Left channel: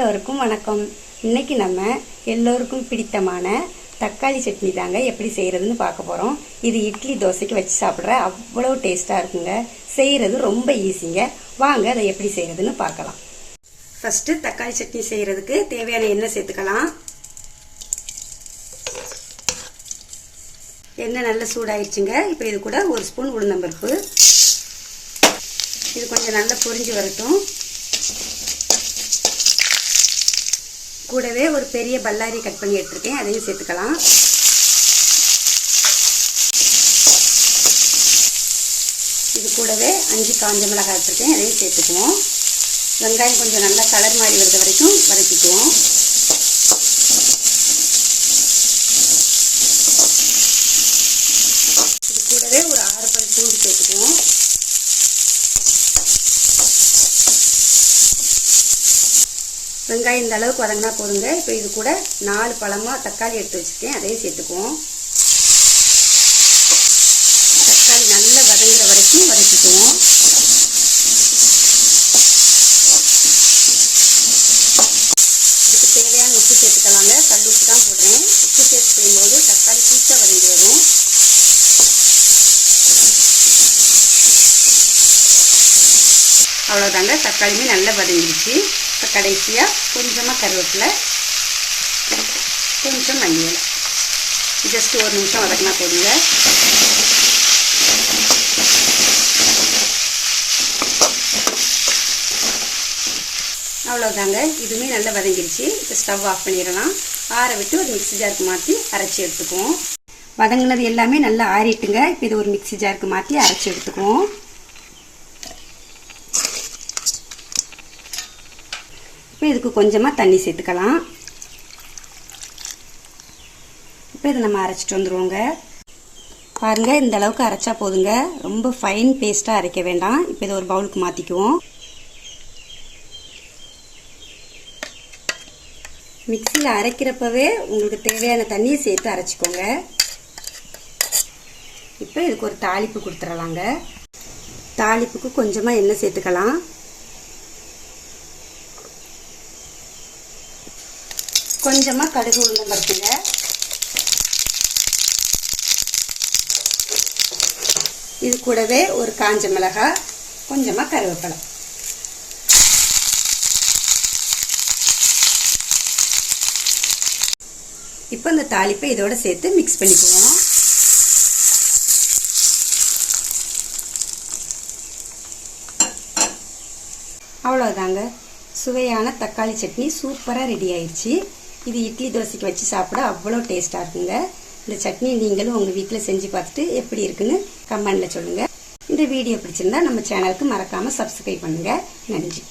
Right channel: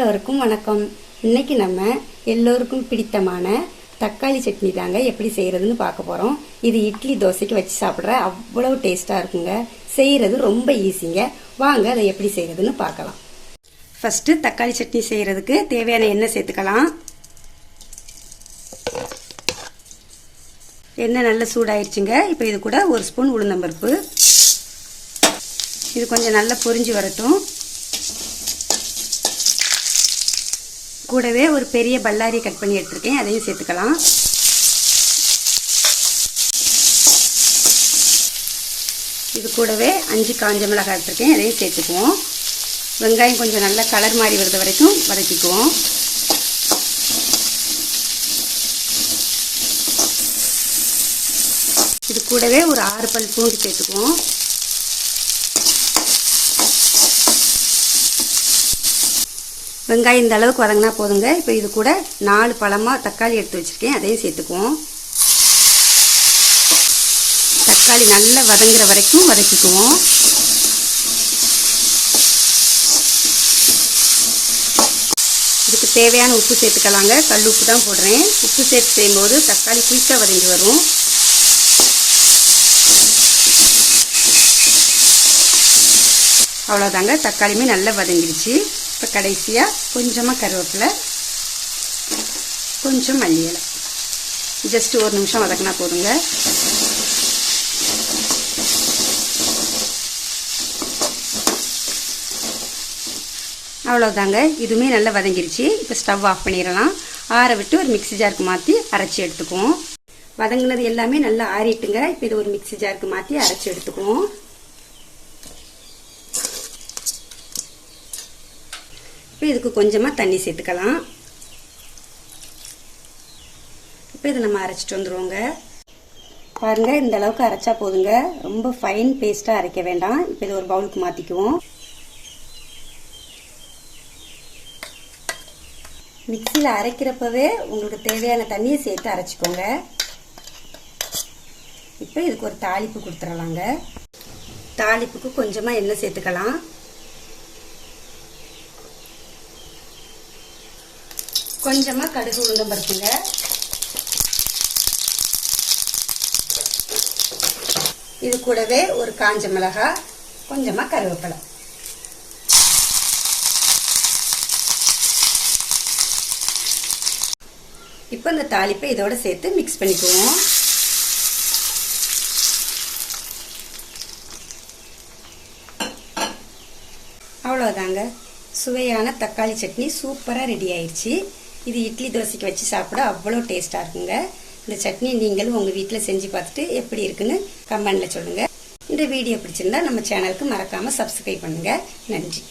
எல்லோருக்கும் வணக்கம். இன்னைக்கு நம்ம எல்லோருக்கும் பிடித்தமான தக்காளி சட்னி தாங்க எப்படி செய்யறதுன்னு பார்க்க போறோம். இது இட்லி தோசைக்கு வச்சு சாப்பிட்ற அவ்வளவு டேஸ்டா இருக்குங்க. செய்யறது ரொம்ப ஈஸிங்க. வாங்க அதை எப்படி செய்யறதுன்னு பார்க்கலாம். ஃபர்ஸ்ட் தக்காளி சட்னி செய்யறதுக்கு தேவையான எண்ணெய் சேர்த்துக்கலாம். எண்ணெய் நல்லா சூடாயிருச்சுங்க. இப்போ இது கூட ஒரு ஸ்பூன் உளுந்தம்பருப்பு. இது கொஞ்சம் நல்லா பொரிஞ்சு வரட்டும். கூடவே ஒரு பெரிய பல்லாரி கட் பண்ணி எடுத்துருக்கேன், அதையும் சேர்த்துக்கலாம். இது கூடவே 5 காஞ்ச மிளகாய் எடுத்துருக்கேன், அதையும் சேர்த்துக்குவோம். வெங்காயம் கொஞ்சம் நல்லா கலர் மாறி வருது வரைக்கும் வதக்கிக்குவோம். இது கூடவே ஒரு 6 பல் பூண்டு சேர்த்துக்குவோம். வெங்காயம் இந்த அளவுக்கு வதங்கினா போதுங்க. இப்போ இது கூட 4 பழமா தக்காளி எடுத்து வச்சிருக்கேன், அதையும் சேர்த்துக்குவோம். தக்காளி நல்லா வதங்குற வரைக்கும் வதக்கிக்குவோம். இதுக்கு தேவையான உப்பு சேர்த்துக்கலாங்க. கல் உப்பு தான் போடுறேன். உப்பு சேர்த்து செய்யும்போது தக்காளி குயிக்காக வதங்கி வரும். அவ்வளோதாங்க, தக்காளியுமே நல்லா வதங்கிடுச்சு. இப்போ கடைசியாக கொஞ்சமாக கருவேப்பிலை, கொஞ்சம் மல்லி இலை, ஜஸ்ட் 1 நிமிஷம் வதக்கினா போதுங்க. அவ்வளோதாங்க, இதுவுமே நல்லா வதங்கிடுச்சு. இப்போ ஸ்டவ் ஆஃப் பண்ணிடலாம். ஆற விட்டு ஒரு மிக்ஸி ஜாருக்கு மாற்றி அரைச்சி எடுத்துக்குவோம். வதங்கினது எல்லாமே நல்லா ஆறிட்டுங்க. இப்போ இது ஒரு மிக்ஸி ஜாருக்கு மாற்றி அரைச்சி எடுத்துக்குவோம். இப்போ இதுக்கு கொஞ்சமாக தண்ணி சேர்த்துக்கலாம். இப்போ இதை நம்ம அரைச்சிட்டு வந்துடுவோங்க. பாருங்க, இந்த அளவுக்கு அரைச்சா போதுங்க. ரொம்ப ஃபைன் பேஸ்ட்டாக அரைக்க வேண்டாம். இப்போ இதை ஒரு பவுலுக்கு மாற்றிக்குவோம். மிக்சியில் அரைக்கிறப்பவே உங்களுக்கு தேவையான தண்ணியை சேர்த்து அரைச்சிக்கோங்க. இப்போ இதுக்கு ஒரு தாளிப்பு கொடுத்துடலாங்க. தாளிப்புக்கு கொஞ்சமாக எண்ணெய் சேர்த்துக்கலாம். கொஞ்சமா கடுகு உளுந்தம் பருப்புங்க. இது கூடவே ஒரு காஞ்ச மிளகாய், கொஞ்சமா கருவேப்பிலை. இப்போ இந்த தாளிப்பை இதோட சேர்த்து மிக்ஸ் பண்ணிக்குவோம். அவ்வளோதாங்க, சுவையான தக்காளி சட்னி சூப்பராக ரெடி ஆயிடுச்சு. இது இட்லி தோசைக்கு வச்சு சாப்பிட அவ்வளோ டேஸ்ட்டாக இருக்குங்க. இந்த சட்னி நீங்களும் உங்கள் வீட்டில் செஞ்சு பார்த்துட்டு எப்படி இருக்குன்னு கமெண்ட்ல சொல்லுங்கள். இந்த வீடியோ பிடிச்சிருந்தா நம்ம சேனலுக்கு மறக்காமல் சப்ஸ்கிரைப் பண்ணுங்கள். நன்றி.